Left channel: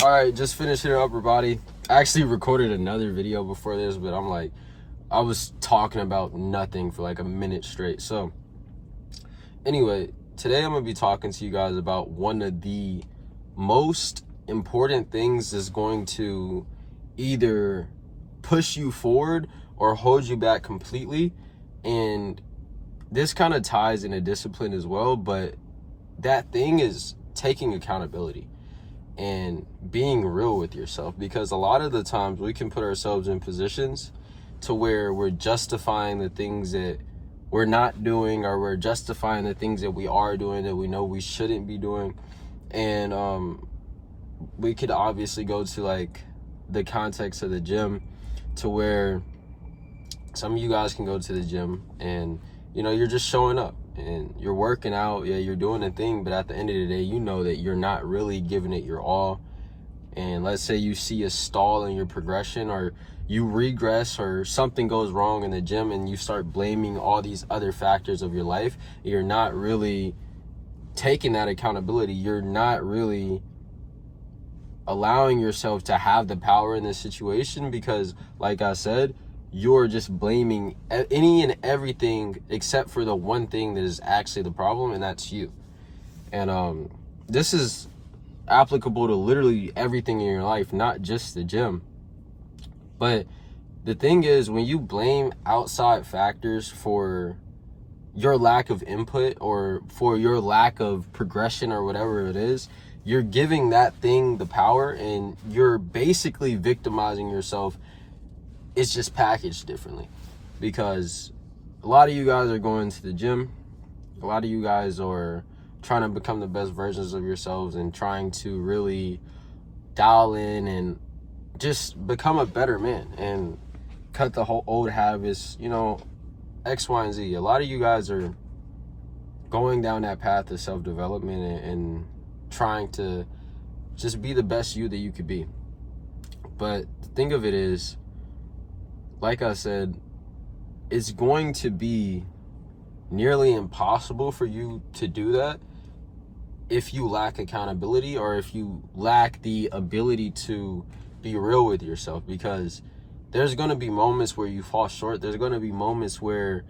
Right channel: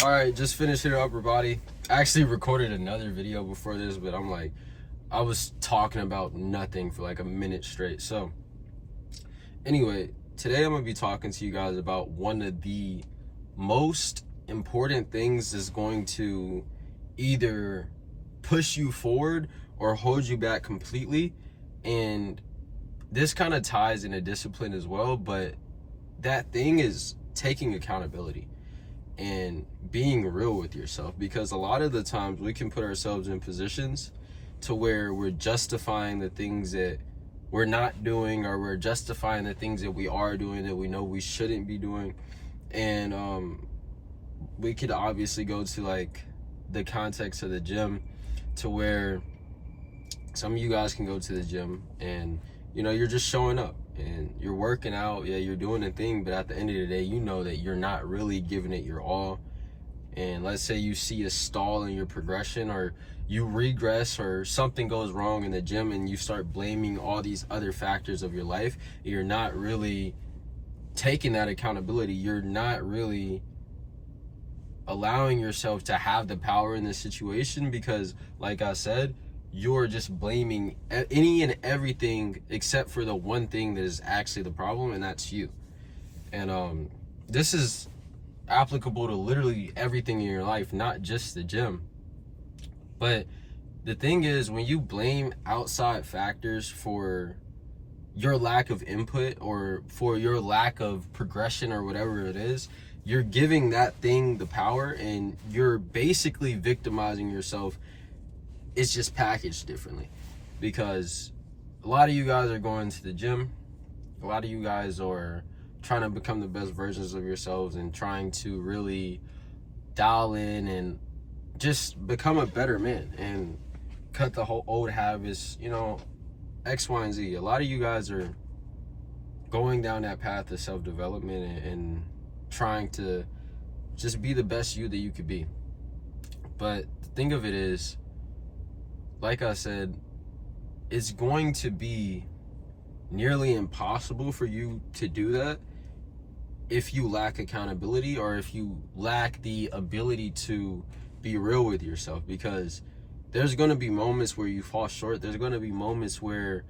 All right, just finished your upper body. I actually recorded another video before this, but I was talking about nothing for like a minute straight. So anyway, today I'm gonna be talking to you guys about one of the most important things that's going to either push you forward or hold you back completely. And this kind of ties into discipline as well, but that thing is taking accountability and being real with yourself, because a lot of the times we can put ourselves in positions to where we're justifying the things that we're not doing, or we're justifying the things that we are doing that we know we shouldn't be doing. And we could obviously go to like the context of the gym, to where some of you guys can go to the gym and you're just showing up and you're working out, yeah, you're doing a thing, but at the end of the day, you know that you're not really giving it your all. And let's say you see a stall in your progression, or you regress, or something goes wrong in the gym, and you start blaming all these other factors of your life. You're not really taking that accountability. You're not really allowing yourself to have the power in this situation, because like I said, you're just blaming any and everything except for the one thing that is actually the problem, and that's you. And this is applicable to literally everything in your life, not just the gym. But the thing is, when you blame outside factors for your lack of input, or for your lack of progression, or whatever it is, you're giving that thing the power, and you're basically victimizing yourself. It's just packaged differently, because a lot of you guys are going to the gym. A lot of you guys are trying to become the best versions of yourselves and trying to really dial in and just become a better man and cut the whole old habits, X, Y, and Z. A lot of you guys are going down that path of self-development and trying to just be the best you that you could be. But the thing of it is, like I said, it's going to be nearly impossible for you to do that if you lack accountability, or if you lack the ability to be real with yourself. Because there's going to be moments where you fall short. There's going to be moments where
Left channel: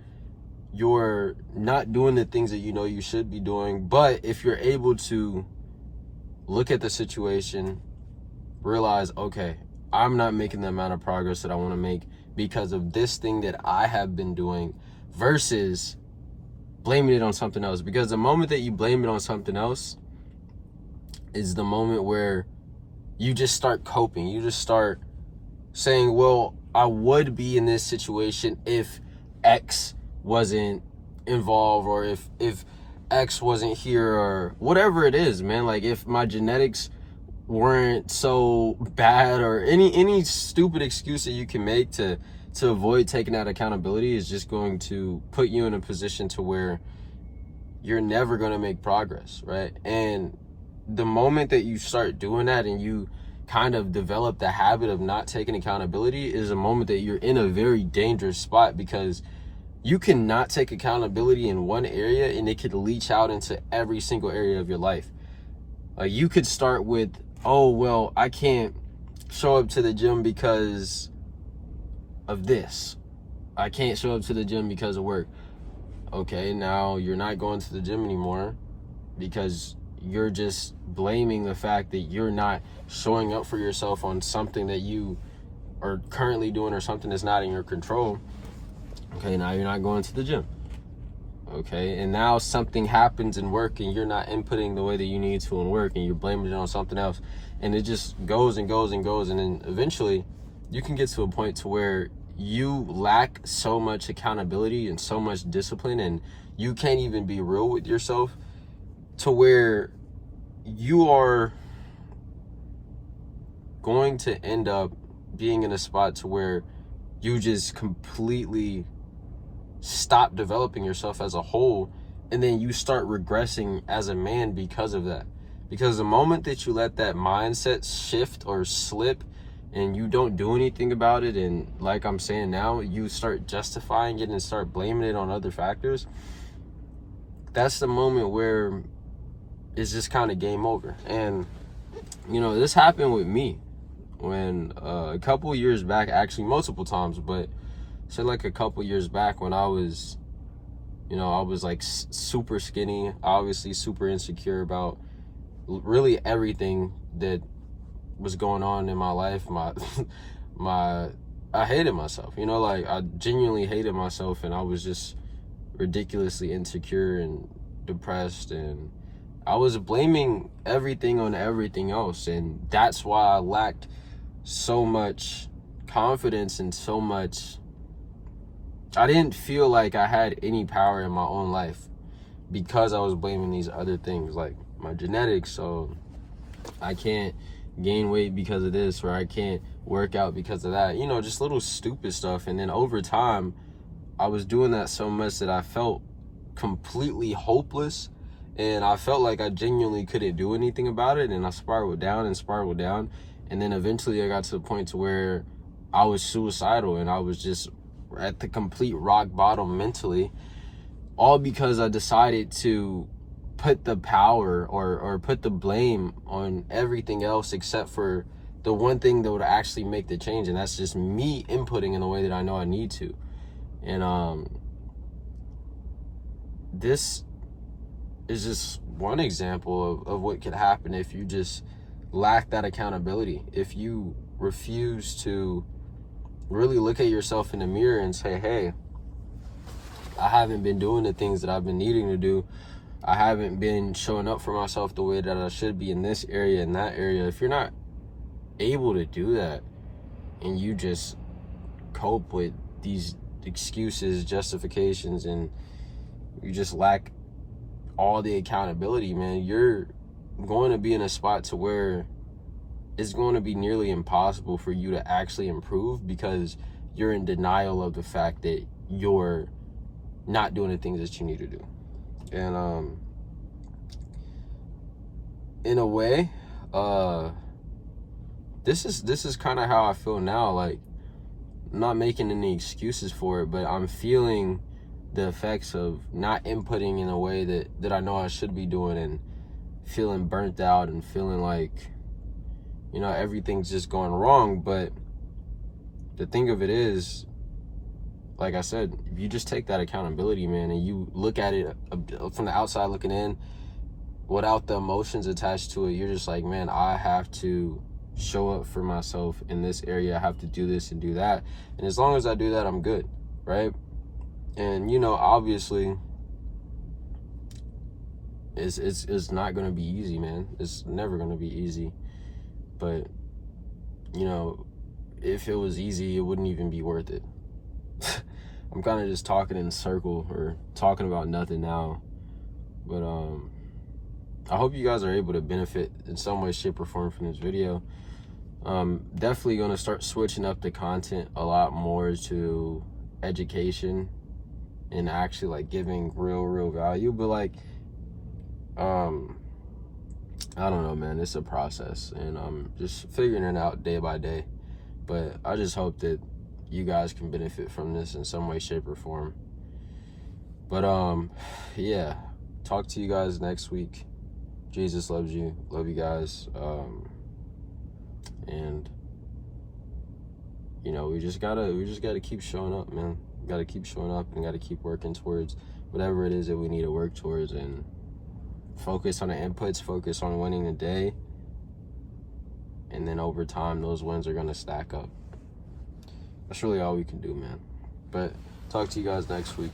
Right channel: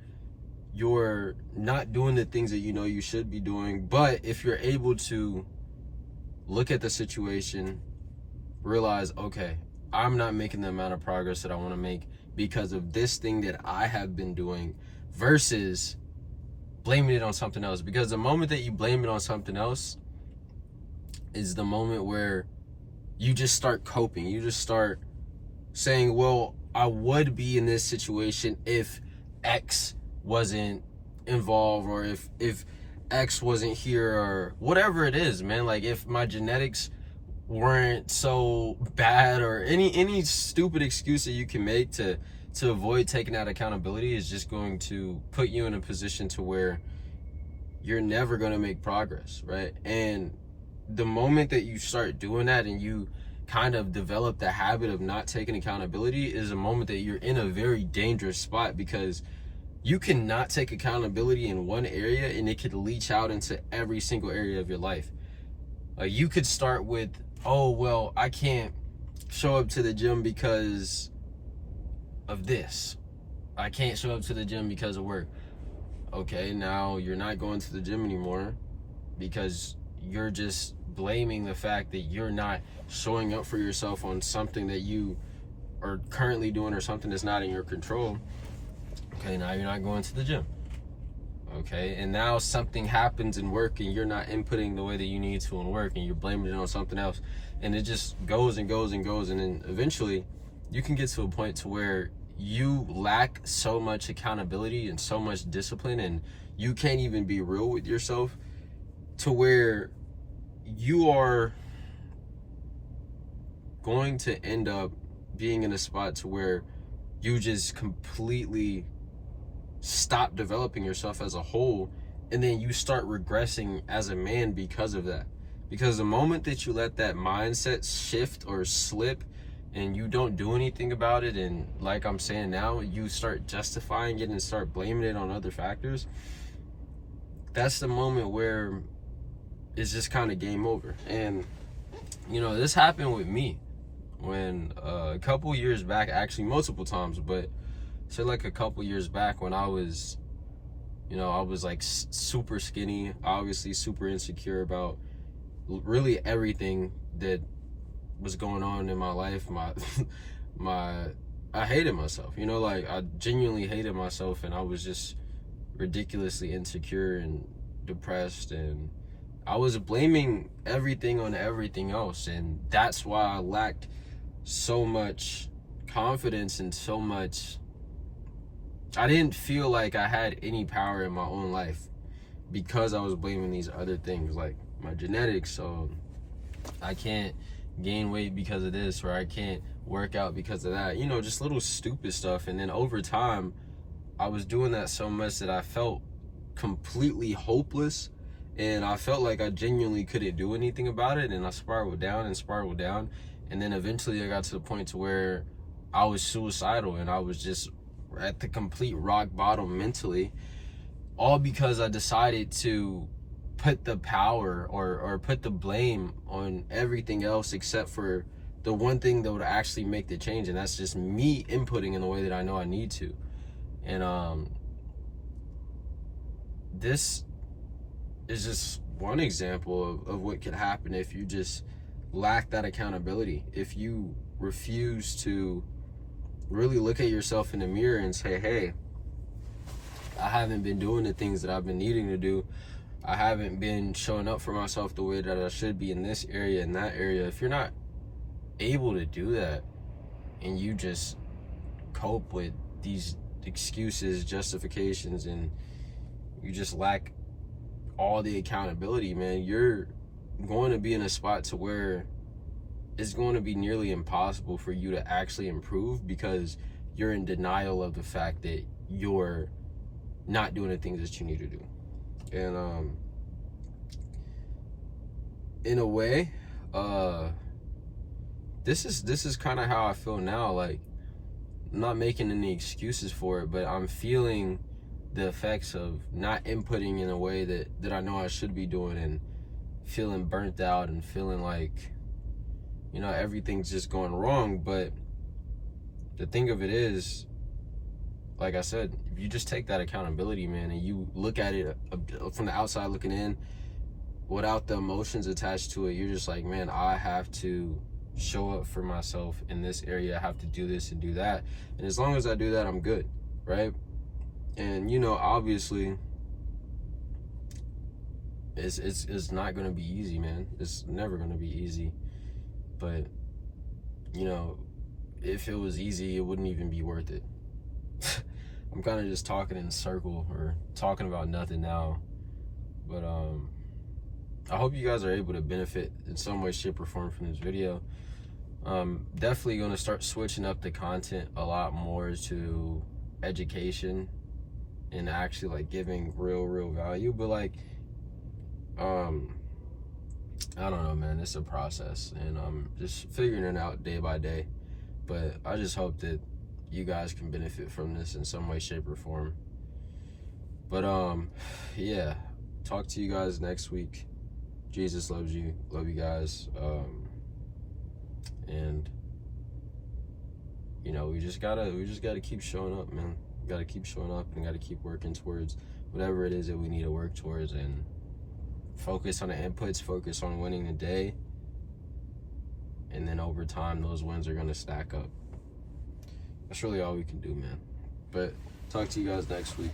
you're not doing the things that you know you should be doing. But if you're able to look at the situation, realize, okay, I'm not making the amount of progress that I want to make because of this thing that I have been doing, versus blaming it on something else. Because the moment that you blame it on something else is the moment where you just start coping. You just start saying, well, I would be in this situation if X wasn't involved, or if X wasn't here, or whatever it is, man. Like, if my genetics weren't so bad, or any stupid excuse that you can make to avoid taking that accountability, is just going to put you in a position to where you're never going to make progress, right? And the moment that you start doing that, and you kind of develop the habit of not taking accountability, is a moment that you're in a very dangerous spot, because you cannot take accountability in one area and it could leach out into every single area of your life. Like, you could start with, oh, well, I can't show up to the gym because of this. I can't show up to the gym because of work. Okay, now you're not going to the gym anymore because you're just blaming the fact that you're not showing up for yourself on something that you are currently doing, or something that's not in your control. Okay, now you're not going to the gym. Okay, and now something happens in work and you're not inputting the way that you need to in work, and you're blaming it on something else, and it just goes and goes and goes. And then eventually you can get to a point to where you lack so much accountability and so much discipline, and you can't even be real with yourself, to where you are going to end up being in a spot to where you just completely stop developing yourself as a whole, and then you start regressing as a man because of that. Because the moment that you let that mindset shift or slip, and you don't do anything about it, and like I'm saying now, you start justifying it and start blaming it on other factors, that's the moment where it's just kind of game over. And you know, this happened with me when a couple years back, actually multiple times, but say like a couple years back when I was, you know, I was like super skinny, obviously super insecure about really everything that was going on in my life. I hated myself, you know, like I genuinely hated myself, and I was just ridiculously insecure and depressed, and I was blaming everything on everything else, and that's why I lacked so much confidence and so much. I didn't feel like I had any power in my own life because I was blaming these other things like my genetics. So I can't gain weight because of this, or I can't work out because of that, you know, just little stupid stuff. And then over time I was doing that so much that I felt completely hopeless, and I felt like I genuinely couldn't do anything about it, and I spiraled down and spiraled down. And then eventually I got to the point to where I was suicidal, and I was just at the complete rock bottom mentally, all because I decided to put the power or put the blame on everything else except for the one thing that would actually make the change, and that's just me inputting in the way that I know I need to. And this is just one example of what could happen if you just lack that accountability. If you refuse to really look at yourself in the mirror and say, hey, I haven't been doing the things that I've been needing to do. I haven't been showing up for myself the way that I should be in this area and that area. If you're not able to do that, and you just cope with these excuses, justifications, and you just lack all the accountability, man, you're going to be in a spot to where it's going to be nearly impossible for you to actually improve, because you're in denial of the fact that you're not doing the things that you need to do. And in a way, this is kind of how I feel now. Like, I'm not making any excuses for it, but I'm feeling the effects of not inputting in a way that I know I should be doing, and feeling burnt out and feeling like, you know, everything's just going wrong. But the thing of it is, like I said, if you just take that accountability, man, and you look at it from the outside looking in without the emotions attached to it, you're just like, man, I have to show up for myself in this area. I have to do this and do that. And as long as I do that, I'm good, right? And, you know, obviously, it's not going to be easy, man. It's never going to be easy. But, you know, if it was easy, it wouldn't even be worth it. I'm kind of just talking in a circle or talking about nothing now. But I hope you guys are able to benefit in some way, shape, or form from this video. Definitely going to start switching up the content a lot more to education and actually like giving real value. But like, I don't know, man, it's a process, and I'm just figuring it out day by day. But I just hope that you guys can benefit from this in some way, shape, or form. But yeah, talk to you guys next week. Jesus loves you. Love you guys. And you know, we just gotta keep showing up, man. We gotta keep showing up and gotta keep working towards whatever it is that we need to work towards, and focus on the inputs, focus on winning the day, and then over time those wins are gonna stack up. That's really all we can do, man. But talk to you guys next week.